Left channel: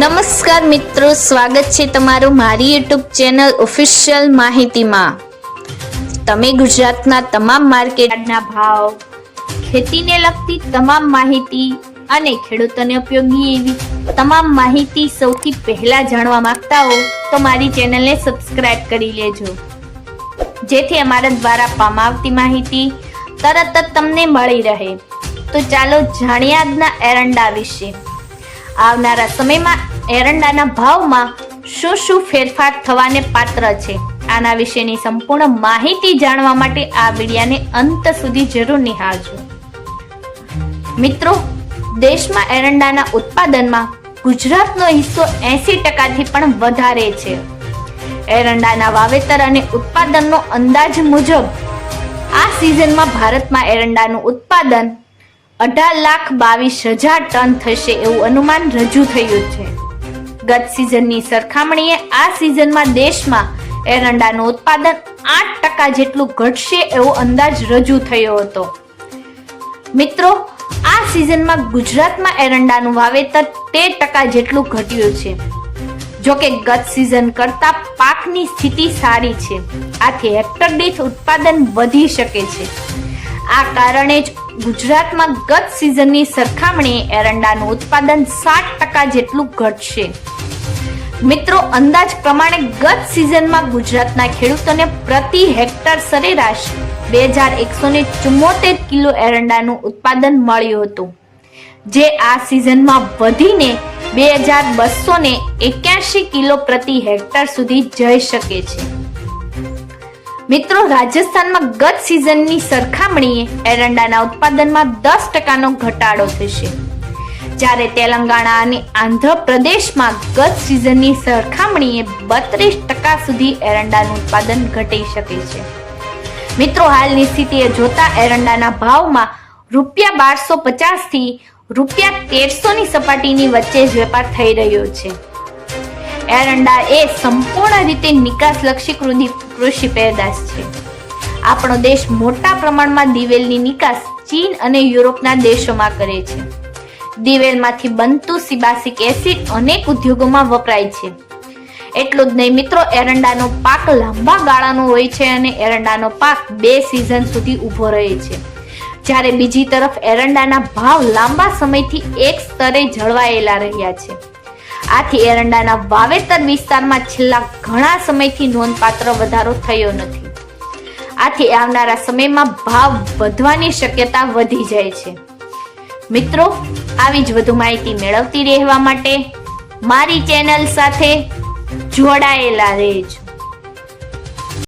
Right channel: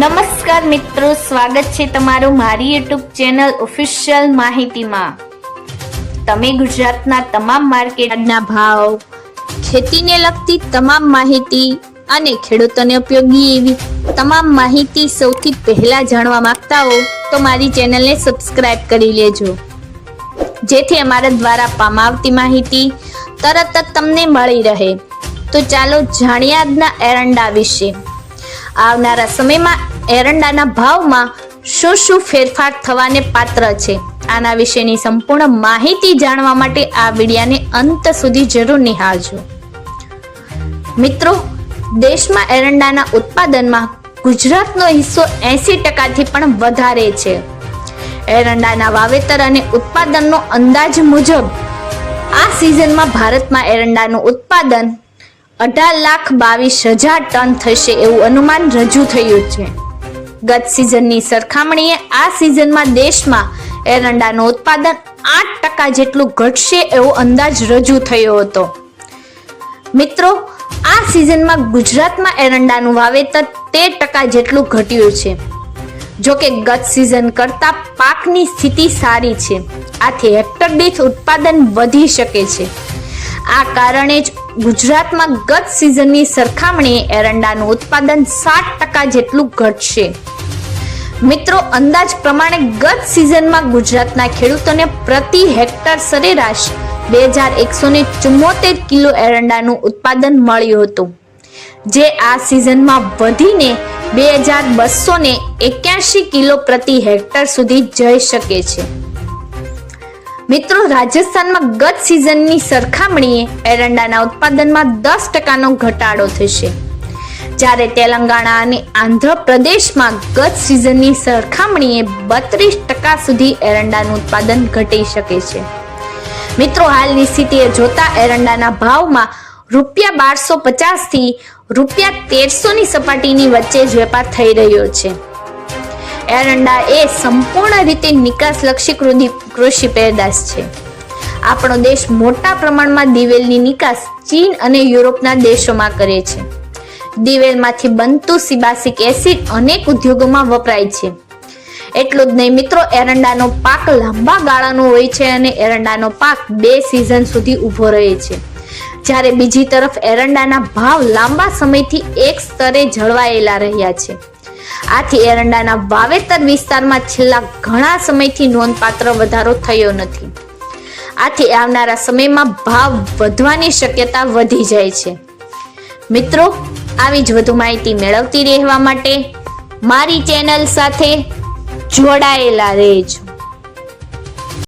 નમસ્કાર મિત્રો, સ્વાગત છે તમારું મારી યુટ્યુબ ચેનલ ઓફિશિયલ માહિતીમાં। તમે ગુજરાતના તમામ માર્કેટના ભાવ, ખેતીને લગતી તમામ માહિતી અને ખેડૂતોને ઉપયોગી એવી તમામ માહિતી સૌથી પહેલા જાણવા માંગતા હો તો મારી ચેનલને સબસ્ક્રાઇબ કરી લેજો, જેથી અમારા દ્વારા આપવામાં આવતી માહિતી તરત જ તમને મળી રહે। તો ચાલો જાણીએ આજના એરંડા વિશે। આવનારા સમયમાં એરંડાના ભાવમાં શું ફેરફાર થવાને પાત્ર છે, આના વિશેની સંપૂર્ણ માહિતી જાણવા માટે આ વિડિયોને અંત સુધી જરૂર નિહાળજો। મિત્રો, દેશમાં એરંડાના ઉત્પાદનમાં ગુજરાતનો હિસ્સો 80%થી પણ વધારે છે। એરંડાના વાવેતર અને ઉત્પાદનનો અંદાજ મુજબ આ સિઝનમાં ભારતમાં એરંડાનું ઉત્પાદન 18,22,000 ટન થશે એવું અનુમાન રજૂ થયું છે। ગત સિઝનની સરખામણીએ આ સિઝનમાં દેશમાં એરંડાનું ઉત્પાદન 8% જેટલું ઘટશે એવો અંદાજ રજૂ થયો હતો। મિત્રો, આ સિઝનમાં ગુજરાતમાં એરંડાનું વાવેતર 13% જેટલું ઘટ્યું છે। જોકે ગત સિઝન કરતા પાકની સ્થિતિ સારી છે, આથી હેક્ટર દીઠ ઉત્પાદન વધી શકે છે। આ કારણે જ ગુજરાતમાં ગત સિઝનની સરખામણીએ એરંડાનું ઉત્પાદન 7% જેટલું ઘટશે। મિત્રો, અંદાજ પ્રમાણે ગત સિઝનમાં ગુજરાતના ખેડૂતોને પ્રતિ હેક્ટર સરેરાશ 2,174 કિલો એરંડાનું ઉત્પાદન મળ્યું હતું, જે આ સિઝનમાં વધીને 2,281 કિલો પ્રતિ હેક્ટર સુધી જઈ શકે છે। મિત્રો, રાજસ્થાનમાં ગત સિઝનની સરખામણીએ એરંડાના ઉત્પાદનમાં 10%નો ઘટાડો થશે, જ્યારે તેલંગાણા અને આંધ્રપ્રદેશમાં ગત સિઝનની સરખામણીએ 32% સુધી એરંડાનું ઉત્પાદન ઘટી શકે છે। મિત્રો, હાલની સ્થિતિએ જોતા એરંડાના ભાવમાં ₹1,250 થી ₹1,300 ની સપાટીની વચ્ચે જ વેપાર થઈ રહ્યો છે। એરંડા એ સંપૂર્ણ રીતે નિકાસલક્ષી કૃષિ પેદાશ છે। આપણો દેશ મોટા પ્રમાણમાં દિવેલની નિકાસ ચીન અને યુરોપના દેશોમાં કરે છે। દિવેલમાંથી બનતું સિબાસિક એસિડ અનેક ઉદ્યોગોમાં વપરાય છે। એટલું જ નહીં મિત્રો, એરંડાનો પાક લાંબા ગાળાનો હોય છે અને એરંડાનો પાક 2 સિઝન સુધી ઊભો રહે છે, જ્યારે બીજી તરફ એરંડાના ભાવ લાંબા સમયથી એક સ્તરે જળવાયેલા રહ્યા છે। આથી એરંડાના વાવેતર વિસ્તારમાં છેલ્લા ઘણા સમયથી નોંધપાત્ર વધારો થયો નથી। આથી આવનારા સમયમાં ભાવ વધવાની શક્યતા વધી જાય છે। મિત્રો, આવી જ વધુ માહિતી મેળવતી રહેવા માટે મારી ચેનલ સાથે જોડાયેલા રહેજો।